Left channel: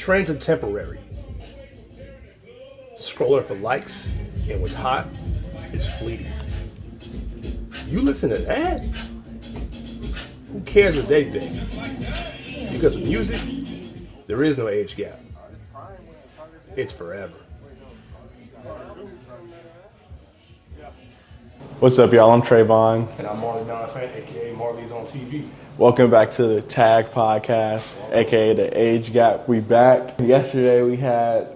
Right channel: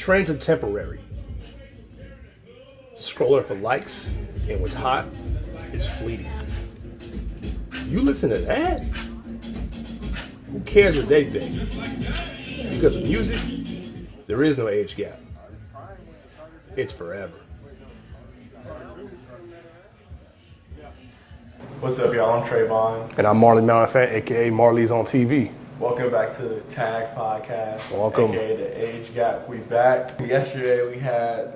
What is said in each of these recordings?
Trends are temporary. Scrolling for likes and what's hot is fleeting. You listen to that? Who cares what they think? Because with music, there is no age gap. It's forever. What's up, y'all? I'm Trayvon. And I'm Marley Malafant, aka Marley's on TV. Welcome back to the Tag Podcast, aka the Age Gap. We back. Yesterday we had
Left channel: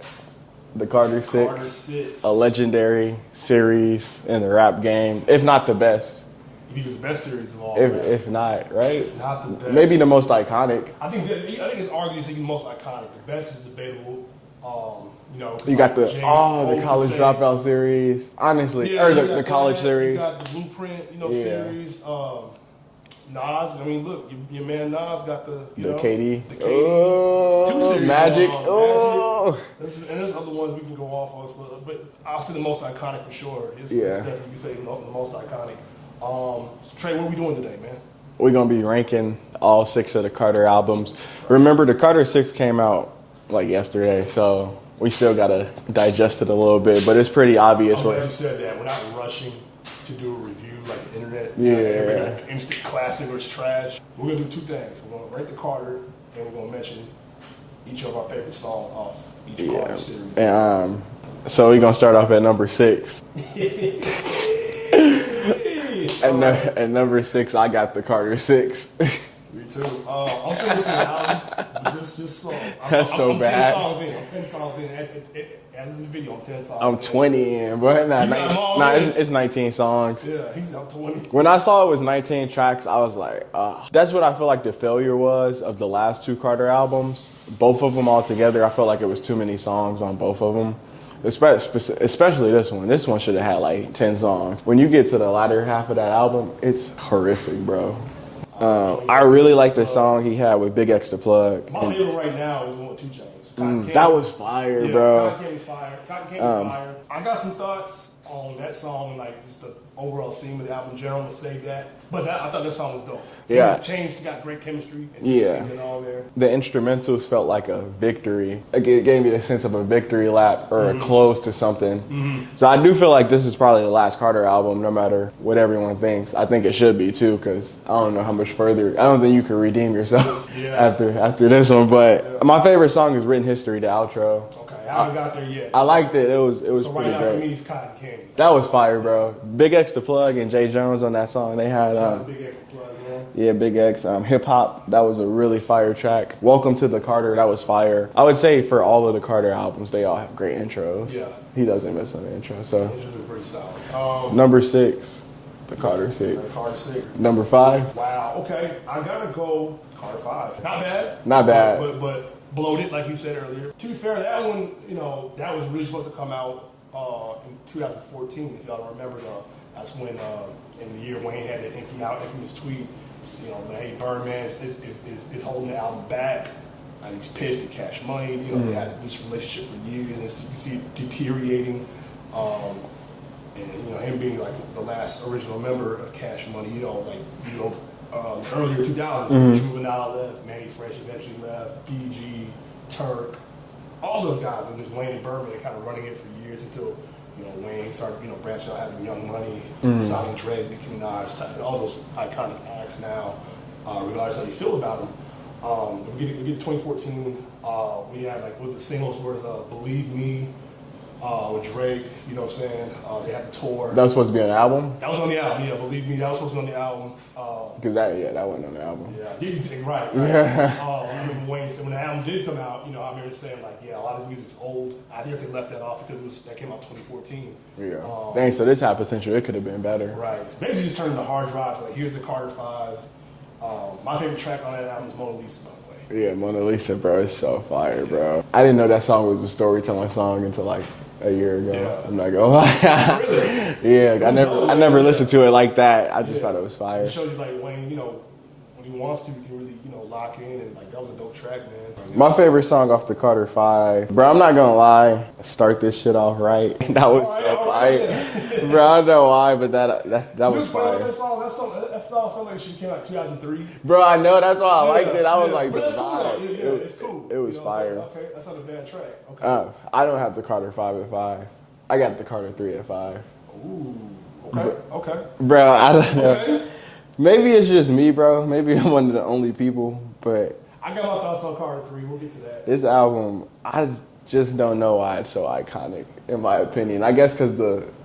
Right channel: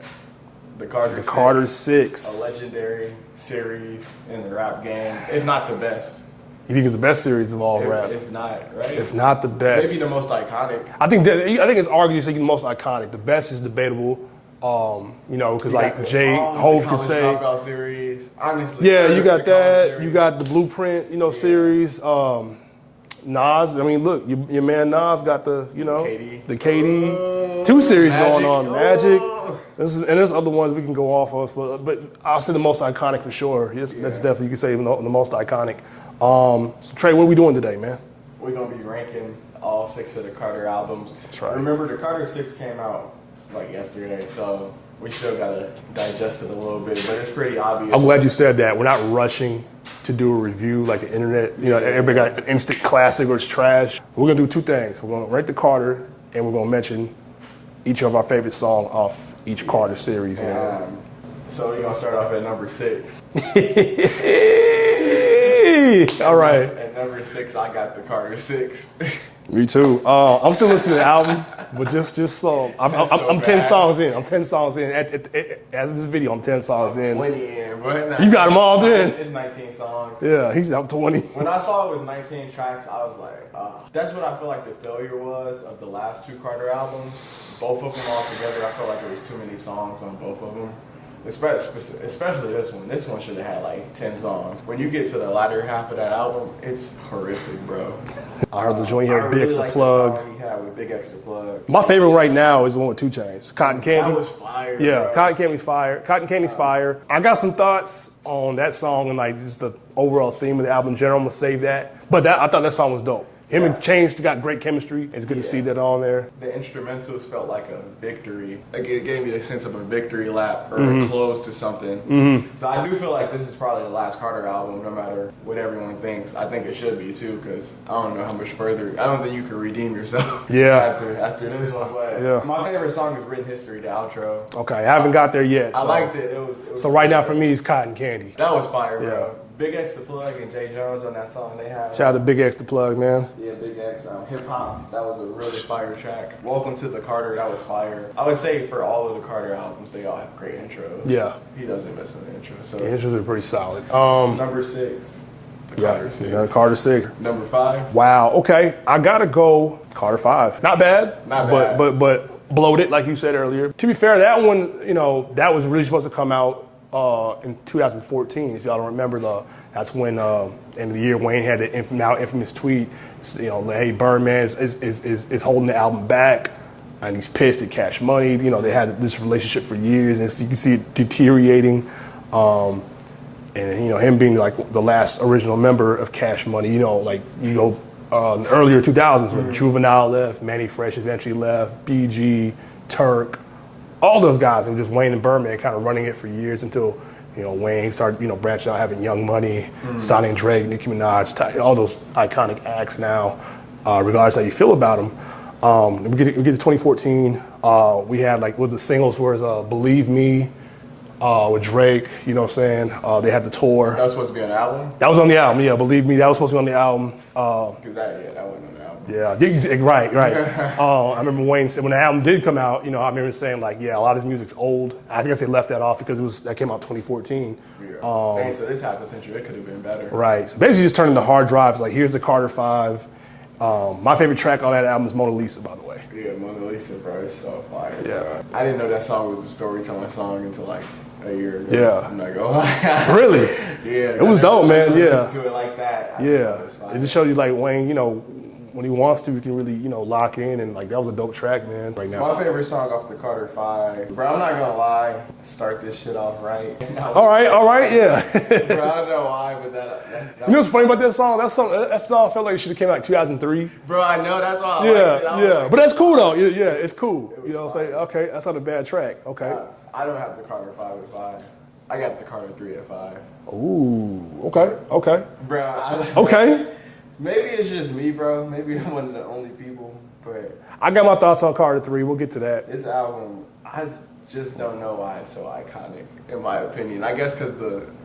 the Carter Six, a legendary series in the rap game, if not the best. You think it's the best series of all rap? If not, right? If not the best. Maybe the most iconic. I think it's arguably the most iconic. The best is debatable. Because like the college dropout series. Honestly, yeah, you got the college that. series. You got the Blueprint, series. Nas. I mean, look, your man Nas got the KD. Two series Magic. going on. Magic. And there's other ones we can go off of, but I'll say the most iconic for sure. That's definitely, you can say the most iconic. So Trey, what are we doing today, man? We're gonna be ranking all 6 of the Carter albums. Right. Remember, the Carter 6 came out like yesterday, so we still gotta digest it a little bit, but it's pretty obvious. I'm glad you said that. We're not rushing to do a review like the internet. Everybody got an instant classic or it's trash. We're gonna do 2 things. We're gonna rank the Carter, and we're gonna mention each of our favorite songs off each Carter series. And, so we're gonna start off at number 6. All right. At number 6, I got the Carter 6. Me too. I'm still listening to the album, but just I'm 10 songs in. I'm 10 songs in. As in this video, I'm 10 songs in. I'm 20 in, but you got them all in. It's 19 songs. Yeah, I'm 20. When I saw it was 19 tracks, I was like, that's what I feel like the failure was of the last 2 Carter albums. Both of them all together, I felt like it was too many songs on both of them. Especially this one. This one should have had like 10 songs. When you get to the latter half of that album, it's horrific, bro. I really like the song he had with Big X the Plug. My favorite right now is the one with 2 Chainz. Cotton Candy. That was fire, yeah, bro. Cotton Candy's fire. Cotton Candy's fire. I got some thoughts on that song and like just the overall theme of the album in general. I'm gonna save that. But I thought that song was dope. Yeah. Chainz got great chemistry. It's good to see that on there. The instrumentals felt like a victory. It gave me the sense of a victory lap or a close to something. Mm-hmm. So I do feel like this is probably the last Carter album, no matter what everyone thinks. I think it should be too, because I don't know how much further. I don't think you can redeem yourself after this one. But my favorite song is Written History, the outro. Okay, I haven't got there yet. I liked it. It was. So right now for me, it's Cotton Candy. That was fire, bro. Big X the Plug and Jay Jones on that song. They had. Shout out to Big X the Plug, man. Yeah, Big X. Hip Hop, that was a really fire track. Welcome to the Carter, that was fire. I would say for all of the Carter albums, they all have great intros. Yeah. He doesn't miss on the intro. So the intros are pretty solid. Number 6, the Carter 6. Yeah, Carter 6. Number 5. Wow, okay. I gotta go Carter 5. Not bad. Not bad. But bloated, like you said earlier. To be fair, that one, that was really supposed to come out in 2014, if y'all don't remember that's when end of the year Wayne had the now infamous tweet, hey, Birdman is holding the album back and he's pissed at Cash Money. They had this relationship for years and you can see it deteriorating. And him being like the last original member of Cash Money, like you go in the earlier 2000s, Juvenile left, Manny Fresh eventually left, BG, Turk, all those guys were just Wayne and Birdman kind of running it for years until Wayne started, branching out, having Young Money, signing Drake, Nicki Minaj, all those iconic acts now, regardless how you feel about them. We get to 2014, we had with the singles was Believe Me, with Drake, you know what I'm saying? They had the tour. That was supposed to be on the album? That was on the album, yeah, Believe Me, that was supposed to be on the album. Because that wasn't on the album. Yeah, right. I remember Wayne said when the album did come out, I remember saying a lot of this music's old. I think they left that off because that came out 2014. Yeah. Dang, so this had potential. It could have been better. Right. So basically just turning the hard drives, here's the Carter 5. My favorite track on that album is Mona Lisa, by the way. Yeah, Mona Lisa, bro, is so fire, bro. I didn't know that song was a storytelling song until a year ago. Yeah. I'm not gonna lie. Really? Yeah. It was dope, man. I never listened to it like that. I just thought it was fire. It just showed you Wayne, when he wants to, he can really, you know, lock in, and like that was a dope track, man. Right now. My favorite song off the Carter 5, bro, I'm not gonna lie, start this shit off right. That was all right, yeah. Bro, I don't know why, but that You know what's funny about that song? That song felt like it should have came out in 2003. Bro, I know, that's why I liked it. I was like, but that's cool though. Yeah, it's cool. It was you know what I'm saying? fire. Okay, that's not a bad track. Okay. I don't have the Carter 5 at 5. I got the Carter 3 at 5. Ooh. Okay. Bro, I don't know. Okay. Maybe it's just me, bro. Maybe I'm one of the only people, but I got my thoughts on Carter 3. We'll get to that. this album, I just don't know why it's so iconic, in my opinion. I guess because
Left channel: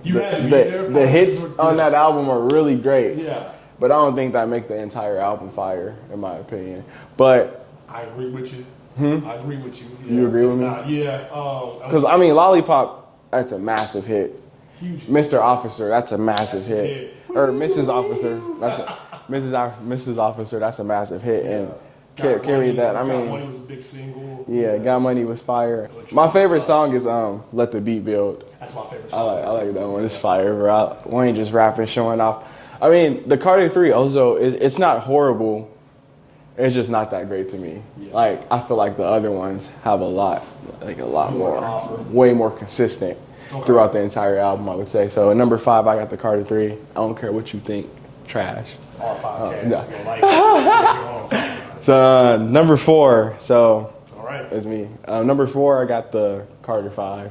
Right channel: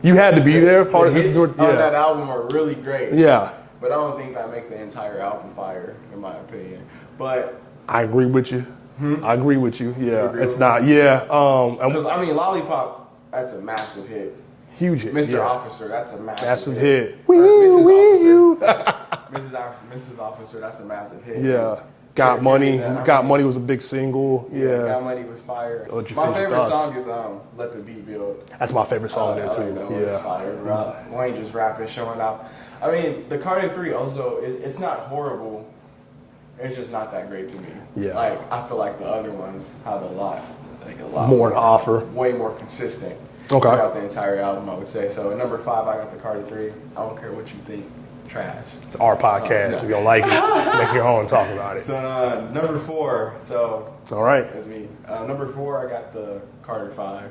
You had to be there. The hits Yeah. on that album are really great. Yeah. But I don't think that make the entire album fire, in my opinion. But I agree with you. I agree with you. Yeah. You agree It's with me? not. Yeah. because I mean, Lollipop, that's a massive hit. Huge hit. Mr. Yeah. Officer, that's a massive hit. hit. Or Mrs. Officer, Mrs. Officer, that's a massive hit. Yeah. And Got Money. that, Got Money was a big single. Yeah, Got Money was fire. What's your My favorite favorite song is Let the Beat Build. That's my favorite song. I there, too. like that one. It's Yeah. fire, bro. Wayne just rapping, showing off. I mean, the Carter 3 also, it's not horrible. It's just not that great to me. Yeah. Like, I feel like the other ones have a lot More to offer. Way more consistent throughout the entire album, I would say. So, at number 5, I got the Carter 3. I don't care what you think. Trash. It's our podcast. Yeah. If you don't like it, make your own talk about it. So, number 4. So, All right. it's me. Number 4, I got the Carter 5.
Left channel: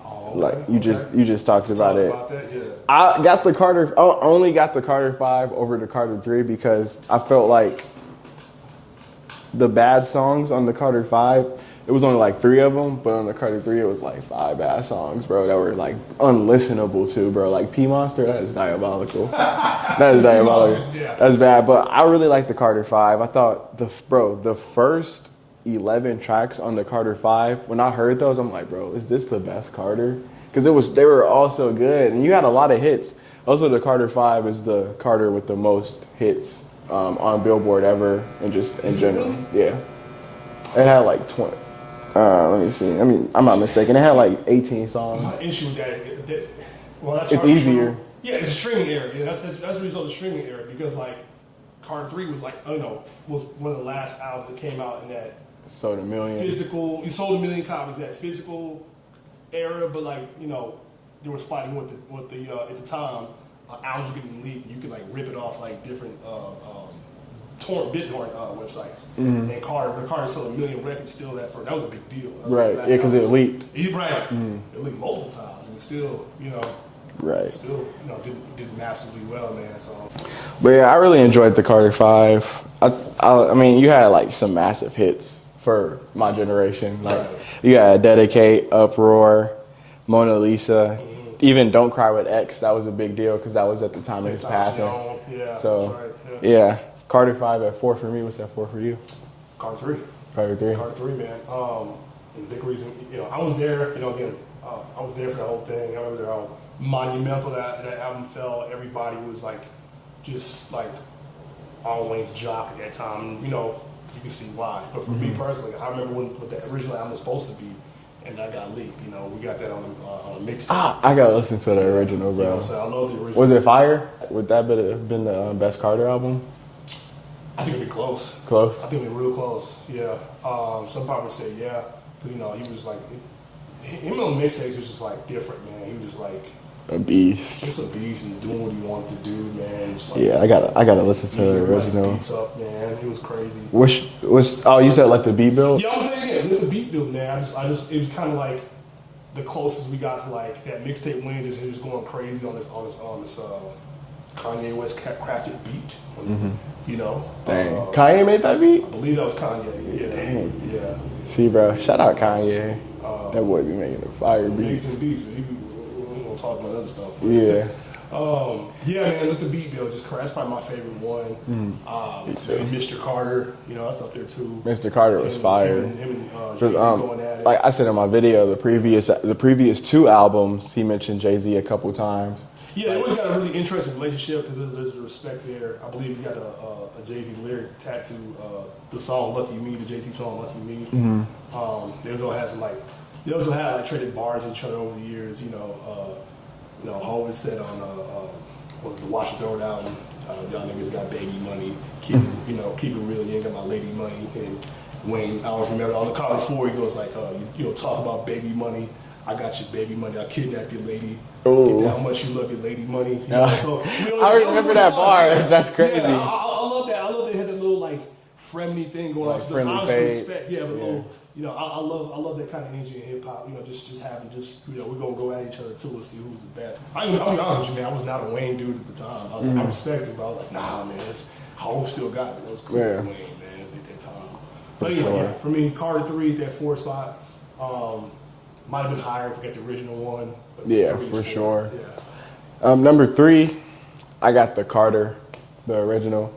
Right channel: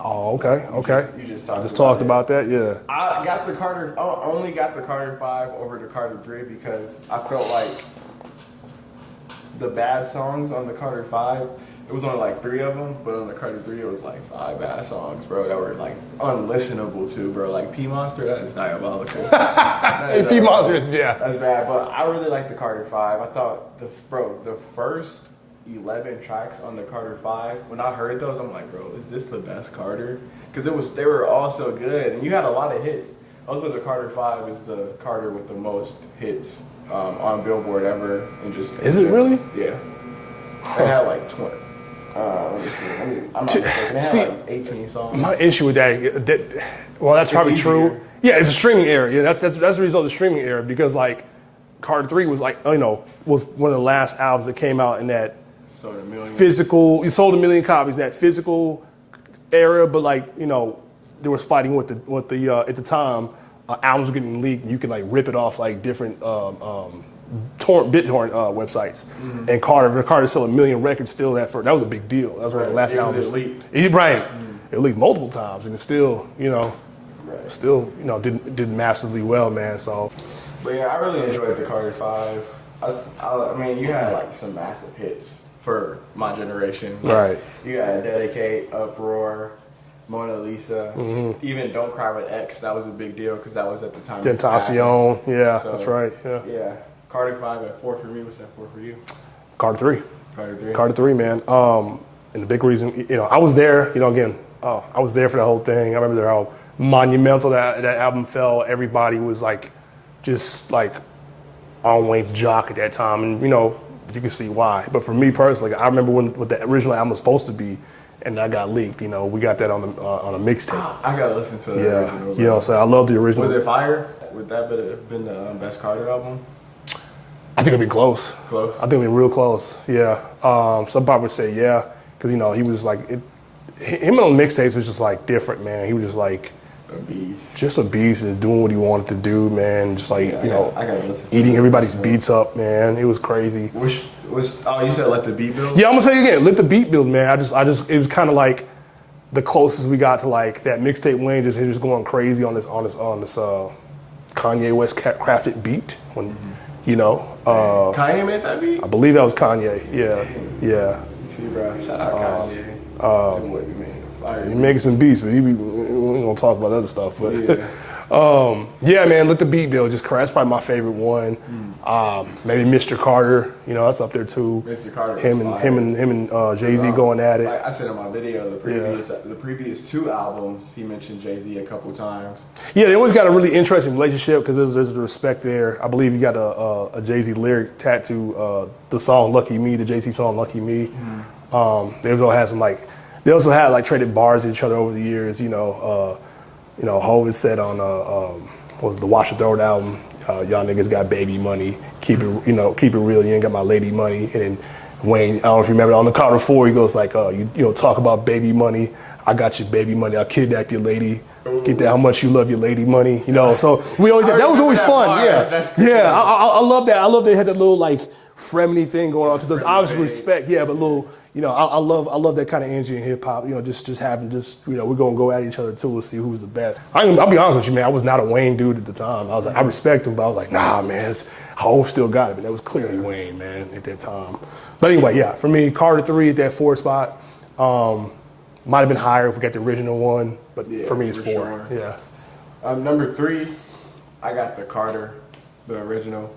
Oh, okay. You just talked Just about talked it. about that. Yeah. I only got the Carter 5 over the Carter 3 because I felt like the bad songs on the Carter 5, it was only like 3 of them, but on the Carter 3 it was like 5 bad songs, bro, that were like unlistenable too, bro. Like P Monster, that is diabolical. That is diabolical. P-Monster, yeah. That's bad, but I really like the Carter 5. I thought the first 11 tracks on the Carter 5, when I heard those, I'm like, bro, is this the best Carter? Because they were all so good, and you had a lot of hits. Also, the Carter 5 is the Carter with the most hits on Billboard ever, and just Is it really? Yeah. It had like 20. Let me see. I mean, I'm not mistaken. It had like 18 songs. My issue with well, that's probably easier. true. Yeah, it's a streaming era. Yeah, that's the result of the streaming era because like Carter 3 was like, you know, was one of the last albums that came out in that Sold a million. physical. You sold 1 million copies. That physical era, but like you know, there was fighting with the at the time albums were getting leaked. You could like rip it off like different BitTorrent websites. Mm-hmm. And Carter sold 1 million records still. That was a big deal. That was one of the last Yeah, because albums. it leaked. Right. It leaked multiple times, and it still, you know, Right. did massively well, man. So, But yeah, I really enjoyed the Carter 5. I mean, you had like some massive hits for my generation. Like, Right. You had Dedicate, Uproar, Mona Lisa, Mm-hmm. even Don't Cry with X. That was a big deal because that was at the time. of his passing. Tentacion, yeah, So, that's right. Yeah. Yeah. Carter 5 at 4 for me. What's that 4 for you? Carter 3. Carter 3. Carter 3, man. And the big reason, you know, I was there, you know, again, I was there for the whole thing. I remember how monumental that album felt. Everybody was like, just like on Wayne's jock at that time. And, you know, you can see why. But for me personally, I remember what the original album was supposed to be, and that got leaked. You know, we got that on a mixtape. I gotta listen to the Yeah, original. you know, so I love the original. Was it fire? Would that have been the best Carter album? I think it'd be close. Close? I think it'd be real close. Yeah. Some people would say yeah, because you know he was like, him on mixtapes was just like different, man. He was just like A beast. just a beast and doing what he wanted to do, man. Just like Yeah, I gotta listen to eating it. everybody's Original. beats up, man. It was crazy. Oh, you said Let the Beat Build? Yeah, I'm gonna say it again. Let the beat build, man. I just, it was kind of like the closest we got to like that mixtape Wayne just he was going crazy on this Kanye West crafted beat. When, you know, Kanye made that beat? I believe that was Kanye. Yeah. See, bro, shout out Kanye. That boy be making a fire. He making some beats, but we ain't gonna talk about other stuff. But Yeah. yeah, man, Let the Beat Build. Just that's probably my favorite one. Maybe Mr. Carter, you know, that's up there too. Mr. Carter was fire. Him and Jay-Z going at it. Like I said in my video, the previous 2 albums, he mentioned Jay-Z a couple times. Yeah, they always got a really interesting relationship because there's the respect there. I believe you got a Jay-Z lyric tattoo, the song "Lucky Me," the Jay-Z song "Lucky Me." They also had they also had like traded bars at each other over the years. You know, Hov has said on was the Watch the Throne album. Y'all niggas got baby money. Keep it, keep it real. You ain't got my lady money. And then Wayne, I don't know if you remember, on the Carter 4, he goes like, you talk about baby money. I got your baby money. I'll kidnap your lady. Ooh. Get that how much you love your lady money. So we always that was always fun. Yeah, that's crazy. Yeah, I love that. I love they had that little like fremny thing going on. So there's obviously respect. Yeah, but little. I love that kind of energy in hip hop. Just having we're gonna go at each other too. We'll see who's the best. I'll be honest with you, man. I was not a Wayne dude at the time. I was like, I respect him, but I was like, nah, man. Hov still got it, but that was clearly Wayne, man, at that time. But anyway, yeah, for me, Carter 3 at that 4 spot. Might have been higher if we got the original one, but for me it's 4. Sure. Yeah. Number 3, I got the Carter, the original.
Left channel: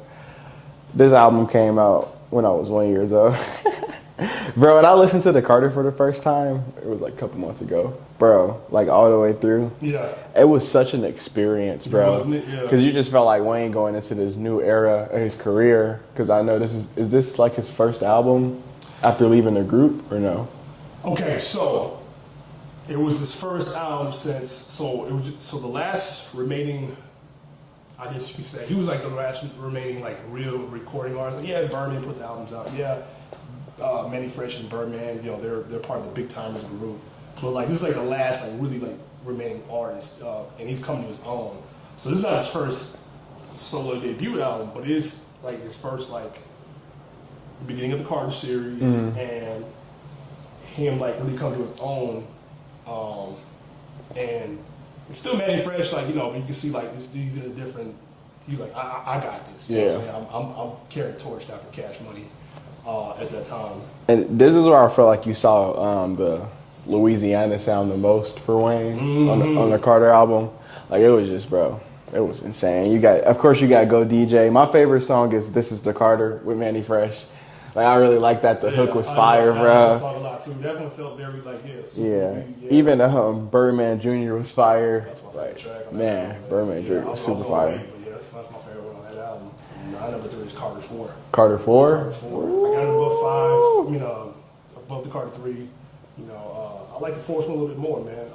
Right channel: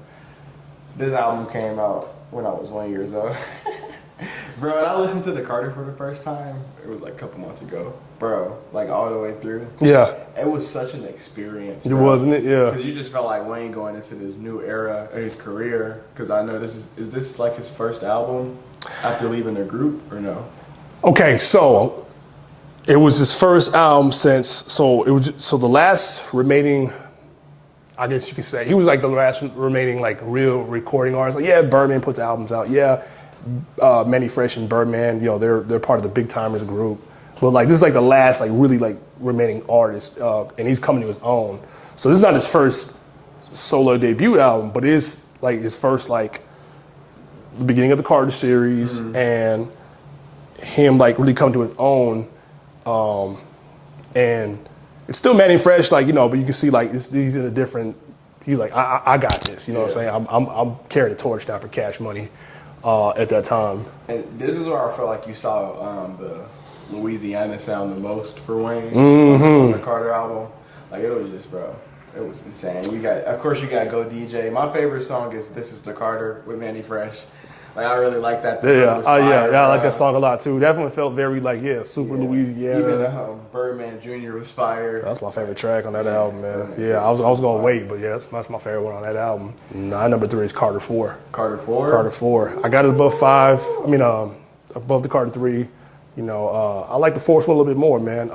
This album came out when I was 1 year old. Bro, when I listened to the Carter for the first time, it was like a couple months ago. Bro, like all the way through. Yeah. It was such an experience, bro. Wasn't it? Yeah. Because you just felt like Wayne going into this new era of his career. Because I know is this like his first album after leaving the group or no? Okay, so it was his first album since, the last remaining, I guess you could say, he was like the last remaining like real recording artist. Like, yeah, Birdman puts albums out. Yeah, Manny Fresh and Birdman, they're part of the Big Timers group. But like this is like the last like really like remaining artist, and he's coming to his own. So this is not his first solo debut album, but it is like his first like the beginning of the Carter series and him like really come to his own. And it's still Manny Fresh, like, but you can see like he's in a different. He's like, I got this. You know what I'm saying? I'm carrying the torch down for Cash Money at that time. And this is where I felt like you saw the Louisiana sound the most for Wayne on the Carter album. Like it was just, bro, it was insane. Of course you got Go DJ. My favorite song is This Is the Carter with Manny Fresh. Like I really like that. The hook was fire, I like that song a lot too. Definitely felt very like super Louisiana. Even Birdman Jr. was fire. That's my favorite track on that album, man. Birdman I was gonna wait, but that's my favorite one on that album. Number 3 is Carter 4. Carter 4. Carter 4. I got it above 5. I mean, above the Carter 3. I like the 4th one a little bit more, man.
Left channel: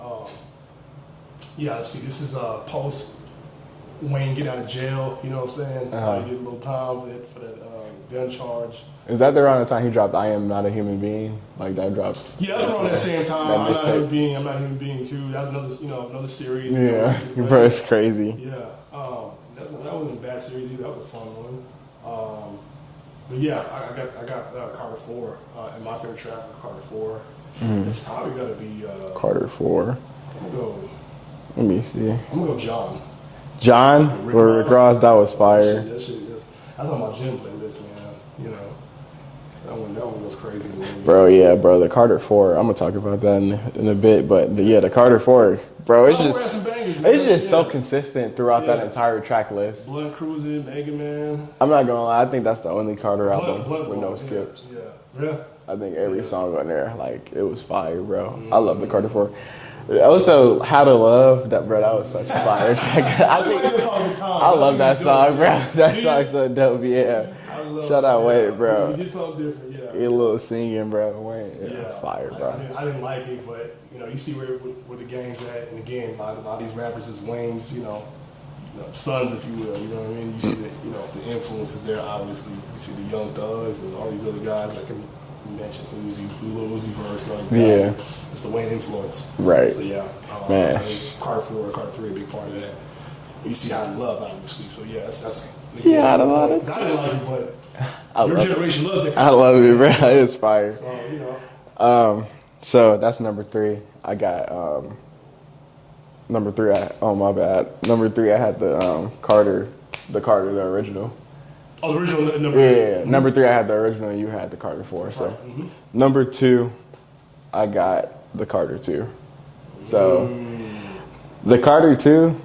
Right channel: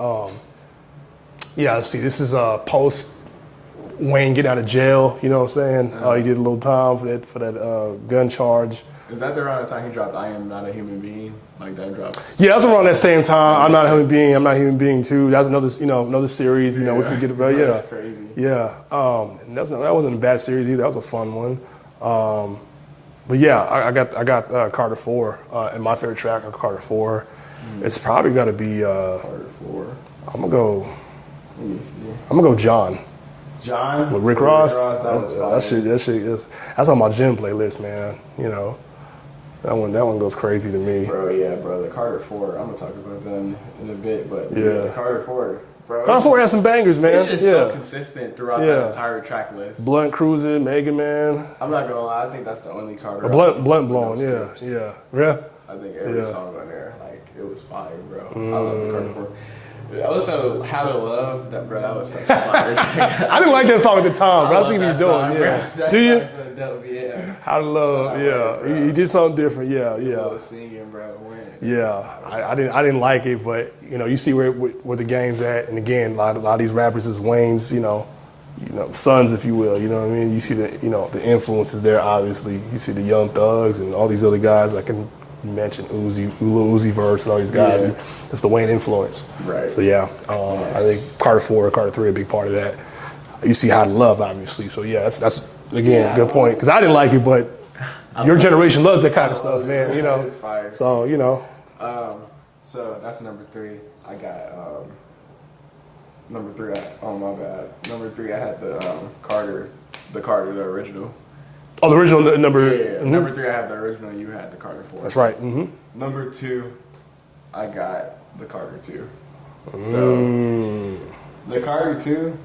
Let's see. This is post Wayne getting out of jail. You know what I'm saying? He did a little time for that gun charge. Is that around the time he dropped I Am Not a Human Being? Like that dropped? Yeah, that's around that same time. I'm Not a Human Being, I'm Not a Human Being too. That's another series, we forget about it. That's crazy. Yeah. That wasn't a bad series either. That was a fun one. But yeah, I got Carter 4 and my favorite track on Carter 4. It's probably gotta be Carter 4. I'm gonna go. Let me see. I'm gonna go John. John with Rick Ross. That was fire. That's on my gym playlist, man. That one goes crazy to me. Bro, the Carter 4. I'm gonna talk about that in a bit, but the Carter 4, bro. Carter 4 has some bangers, man. It's just so consistent throughout that entire track list. Blunt Cruising, Mega Man. I'm not gonna lie, I think that's the only Carter. Blunt Blowing, yeah. I think every song on there, like, it was fire, bro. I love the Carter 4. Also, How to Love, that was such a fire track. I didn't like that song at the time, but I seen that song, bro. Yeah. That song's so dope, yeah. How to Love, Shout out Wade, bro. He did something different, A little singing, bro. Fire, I didn't like it, but, you see where the game's at. And again, a lot of these rappers is Wayne's, sons, if you will. You know what I mean? You see the influences there, obviously. You see the Young Thugs and all these other guys. I can mention Lil Uzi Verse and all these guys. And it's the Wayne influence. Right. So I think Carter 4 and Carter 3 are a big part of that. You see How to Love, obviously. So that's again a good point. Because I didn't like it, but your generation loves that kind of stuff. I love it, bro. It's fire. So So that's number 3. I got number 3. My bad. Number 3, I had the Carter, the original. Oh, the original number. Yeah. Number 3, I had the original, and you had the Carter 4. That's right. Number 2, I got the Carter 2. So the Carter 2,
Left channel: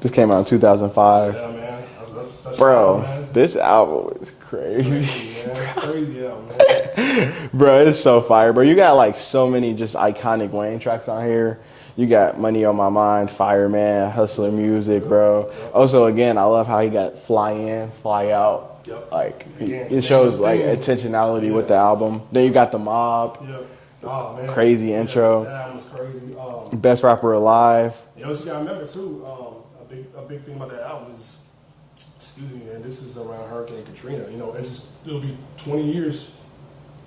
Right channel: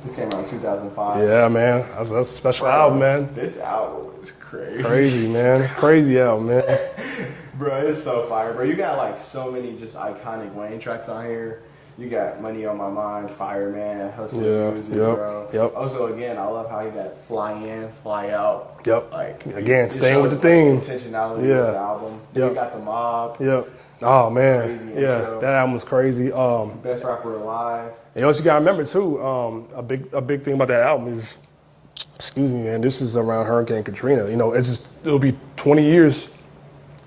this came out in 2005. Yeah, man. That's a special album, man. This album is crazy. Crazy, man. Crazy album, man. Bro, it's so fire, bro. You got like so many just iconic Wayne tracks on here. You got Money on My Mind, Fireman, Hustling Music, bro. Yep. Also, again, I love how he got Fly In, Fly Out. Yep. Like, again, it staying shows with the theme. Intentionality with the album. Then you got The Mob. Yep. Oh man, Crazy intro. That album was crazy. Best rapper alive. And what you gotta remember too, a big thing about that album is, excuse me, man, this is around Hurricane Katrina. You know, it'll be 20 years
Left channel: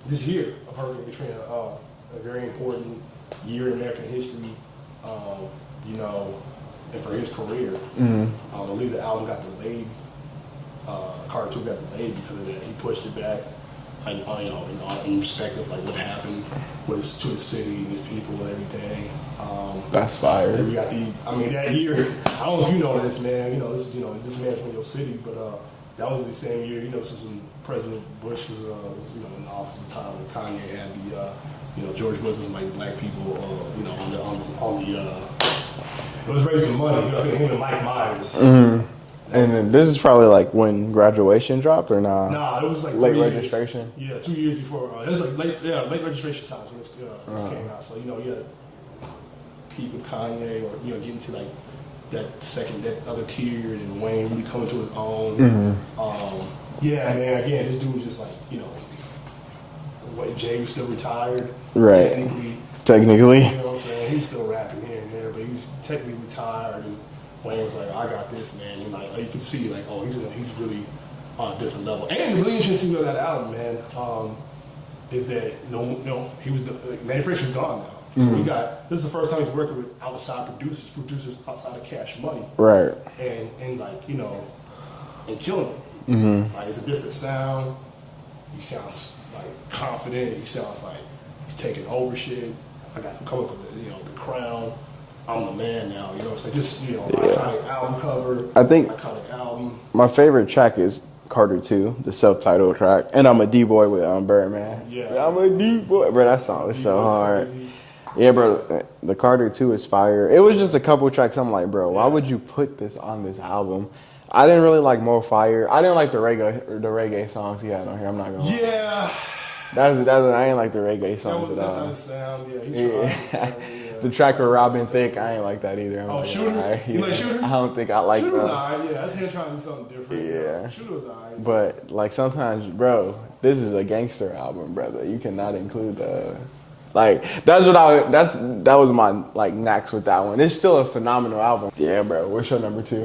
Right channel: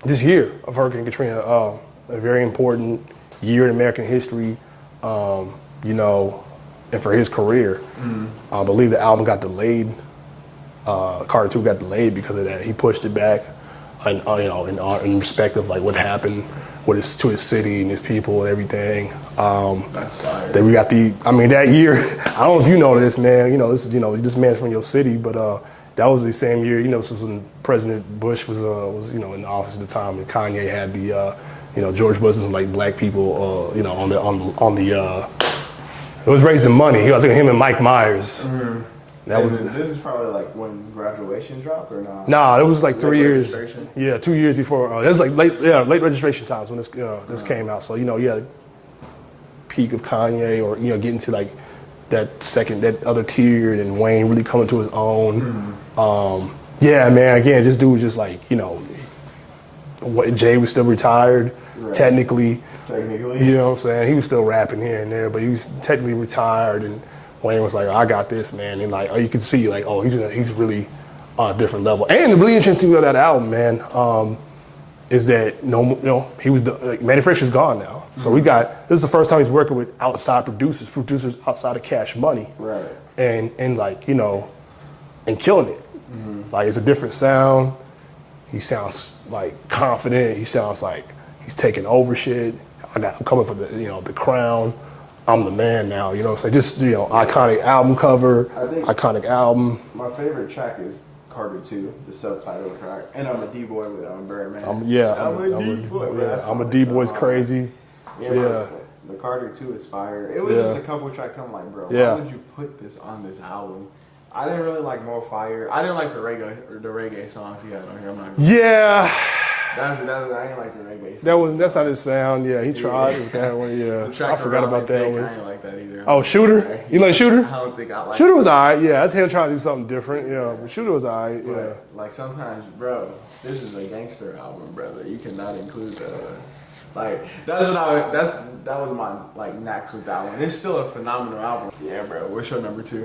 this year of Hurricane Katrina. A very important year in American history. You know, and for his career, I believe the album got delayed. Carter 2 got delayed because of that. He pushed it back. You know, in respect of like what happened to his city and his people and everything. That's fire. Then we got that year. I don't know if you know this, man. You know, this man's from your city, but that was the same year. You know, this was when President Bush was in the office at the time, and Kanye had the George Bush and like black people you know on the it was raising money. He was like him and Mike Myers. This is probably like when Graduation dropped or not? Nah, it was like 3 years. Registration? Yeah, 2 years before. It was like late registration times when this came out. So peak of Kanye, or getting to like that other tier, and Wayne really coming to his own. Yeah, man. Again, this dude was just like Jay was still retired, right. Technically. You know what I'm saying? He was still rapping here and there, but he was technically retired, and Wayne was like, I got this, man. And like, you could see like, he's really on a different level. And the really interesting thing about that album, man, is that he was Manny Fresh is gone now. So this is the first time he's working with outside producers outside of Cash Money. Right. And like, and killing it. Like, it's a different sound. He sounds like confident. He sounds like he's taking over shit. I'm coming for the crown. I'm the man now, so just, iconic album cover. I think iconic album. My favorite track is Carter 2, the self-titled track. And I'm a D-boy with Birdman. I'm a D-boy. I'm a D-boy's crazy. Yeah, bro. The Carter 2 is fire. It was just a couple tracks. I'm like, bro, why would you put this on this album? I didn't really like More Fire. I didn't like the reggae songs he had on here. I'm not gonna lie. I ain't like the reggae songs. That's not his sound. Yeah, he tried with that one. Yeah. The track to Robin Thicke, I ain't like that either. Shooter? You like Shooter? I don't think I like Shooter was alright. Yeah, that's him trying to do something different. Yeah. Shooter was alright. But like sometimes, bro, this is a gangster album, brother. You cannot include that. Like that was my like knacks with that one. It's still a phenomenal album. Yeah, bro. What's your number 2?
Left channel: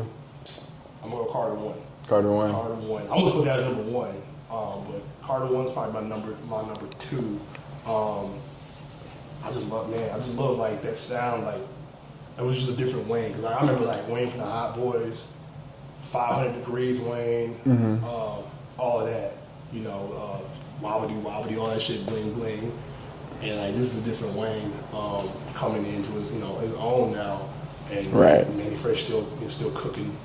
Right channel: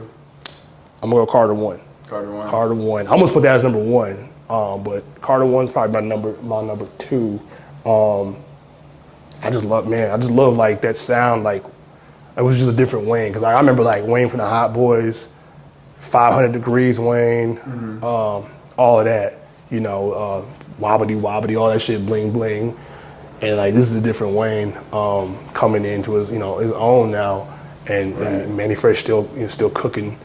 I'm gonna go Carter 1. Carter 1. I almost put that as number 1. But Carter 1's probably my number 2. I just love like that sound. Like, it was just a different Wayne. Cause I remember like Wayne from the Hot Boys, 500 Degrees Wayne, all of that. Wobbity wobbity, all that shit, bling bling. And like, this is a different Wayne coming into his own now. And Manny Fresh still cooking.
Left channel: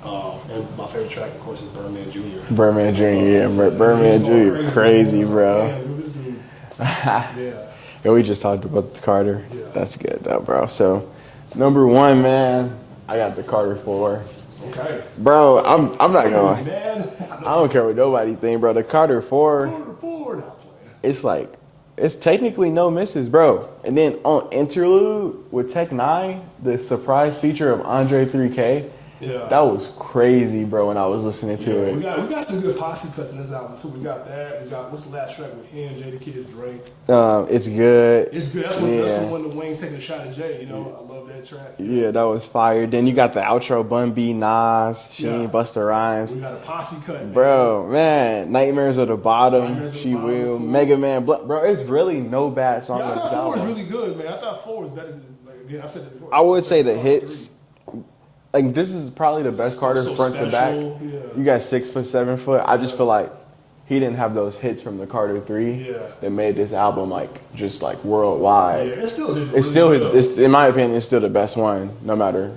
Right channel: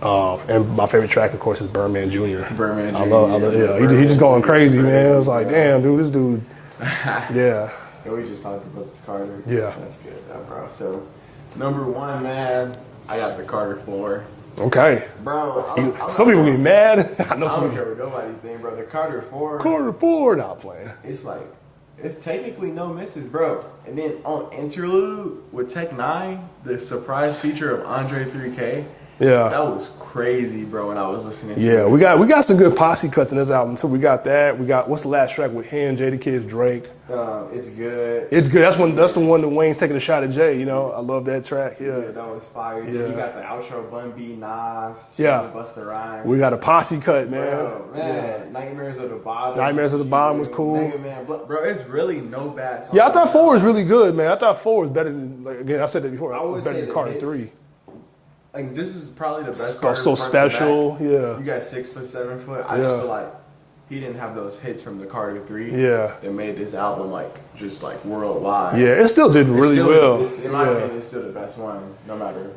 And my favorite track, of course, is Birdman Jr. Birdman Jr. He's just going crazy, man. I was like, bro. damn, dude, this dude. Yeah. Yeah, we just talked about the Carter. Yeah. That's good, though, bro. So, number 1, man, I got the Carter 4. Okay. Bro, I'm not some people going be mad. I don't care what nobody think, bro. The Carter 4. Carter 4, not playing. It's like, it's technically no misses, bro. And then on Interlude with Tech 9, the surprise feature of Andre 3K. Yeah. That was crazy, bro, when I was listening to it. Yeah, we got some good posse cuts in this album, too. We got that. We got, what's the last track with him, Jadakiss, Drake? It's Good. It's good. That's the one that Wayne's taking a shot at Jay, I love that track. Yeah, that was fire. Then you got the outro, Bun B, Nas, Sheen, Busta Rhymes. We got a posse cut, man. Bro, man, Nightmares of the Bottom. Nightmares of the Bottom was cool. Mega Man, bro, it's really no bad songs. Yeah, I thought 4 was really good, man. I thought 4 was better than, like, again, I said that before. I would say the Carter hits. 3. Like, this is probably the best Carter So front special, to back. yeah. You got 6 foot, 7 foot. I just feel like he didn't have those hits from the Carter 3 that made this album just worldwide. Yeah, it still did really well. In my opinion, it's still the best one, no matter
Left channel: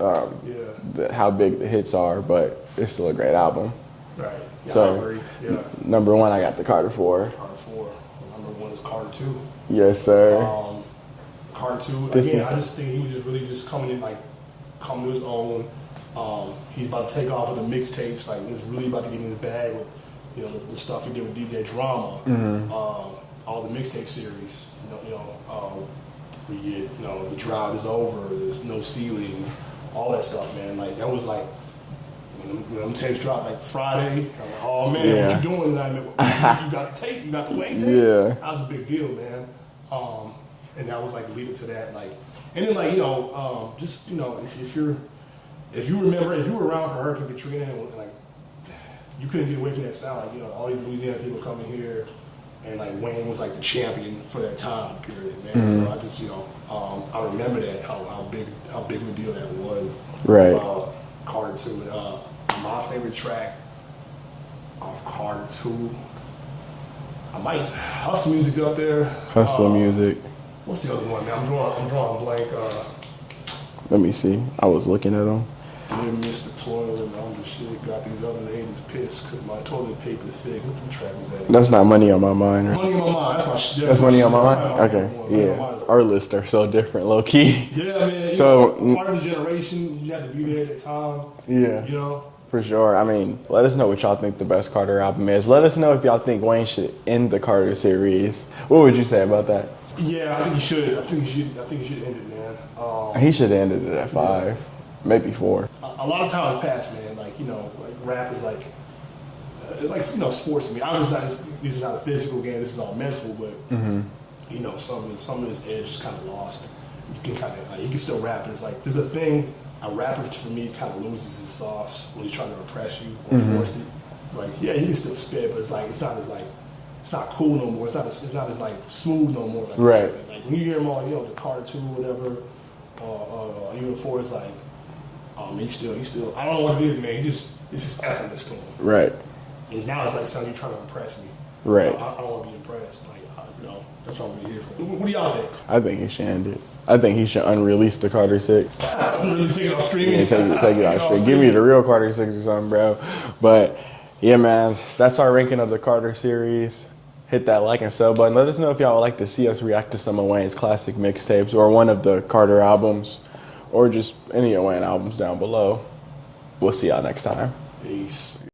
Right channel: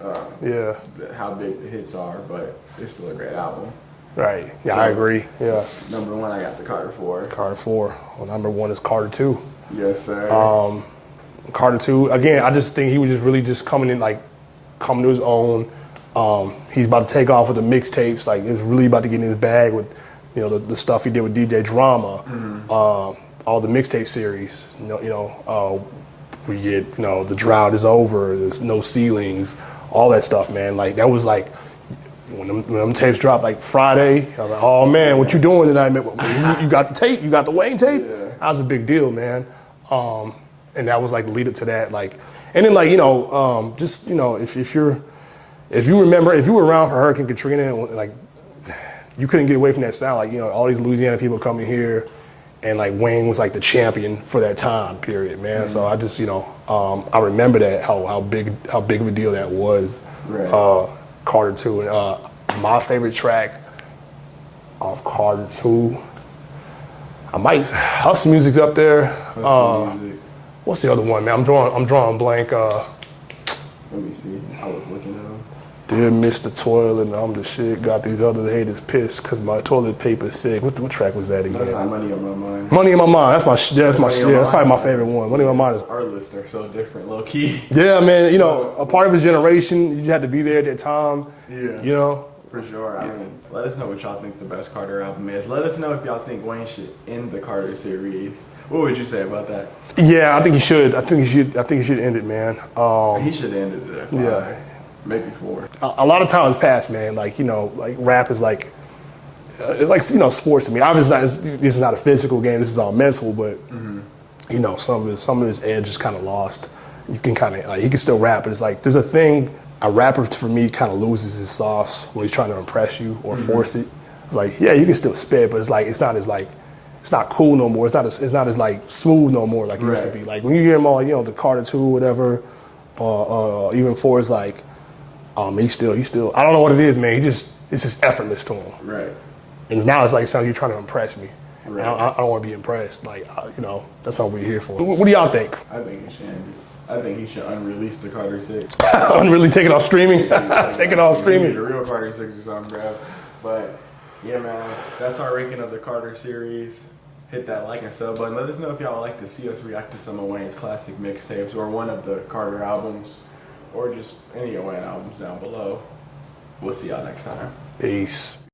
how big the hits are, but it's still a great album. Right. Yeah, So, I agree. Yeah. Number 1, I got the Carter 4. Carter 4. Well, number 1 is Carter 2. Yes, sir. Carter 2. Again, I just think he was just really just coming to his own. He's about to take off with the mixtapes. Like, it's really about to get in his bag with, the stuff he did with DJ Drama. All the mixtape series. We get, The Drought Is Over. There's No Ceilings. All that stuff, man. Like, that was like, when them tapes dropped like Friday, I was like, oh man, what you doing tonight, man? You got the tape? You got the Wayne tape? Yeah. That was a big deal, man. And that was like the lead up to that, like, and then like just if you remember, if you were around for Hurricane Katrina, like you couldn't get away from that sound, like all these Louisiana people coming here, and like Wayne was like the champion for that time period, man. Mm-hmm. So I just I remember that how big of a deal that was. Right. Carter 2, and my favorite track off Carter 2. Hustle Music's up there. Hustle Music. What's the other one, man? I'm drawing blank. Let me see. I was looking at them. Dear Mr. Toilet, and I'm the shit. Got these other haters pissed because my toilet paper thick. What track was that again? That's not Money on My Mind. Right? Money on My Mind. That's my shit. That's probably my favorite one. Money on My Mind is our lists are so different, low key. Yeah, man. A part of his generation. You had to be there at that time. Yeah. For sure. I mean, let us know what y'all think the best Carter album is. Let us know if y'all think Wayne should end the Carter series. What would you say about that? Yeah, I think he should. I think he should end it, man. He should have ended it at 5, maybe 4. A lot of time has passed, man. Like like rap is like it's like sports to me. Obviously, this is not a physical game. This is all mental, but some of his edge is kind of lost. You can kind of he can still rap, but it's like there's a thing. A rapper, for me, kind of loses his sauce when he's trying to impress you or force it. It's like, yeah, you can still spit, but it's like it's not cool no more. It's not as like smooth no more like it used to be. Like when you hear him on the Carter 2 or whatever, even 4, it's like, he still. I don't know what it is, man. It's just effortless to him. Right. And now it's like something you're trying to impress me. Right. I don't want to be impressed. Like that's not what we're here for. What do y'all think? I think he should end it. I think he should unrelease the Carter 6. Really take it off streaming? Take it off streaming. Give me the real Carter 6 or something, bro. But, yeah, man, that's our ranking of the Carter series. Hit that like and sub button. Let us know if y'all would like to see us react to some of Wayne's classic mixtapes or one of the Carter albums or just any of Wayne albums down below. We'll see y'all next time. Peace.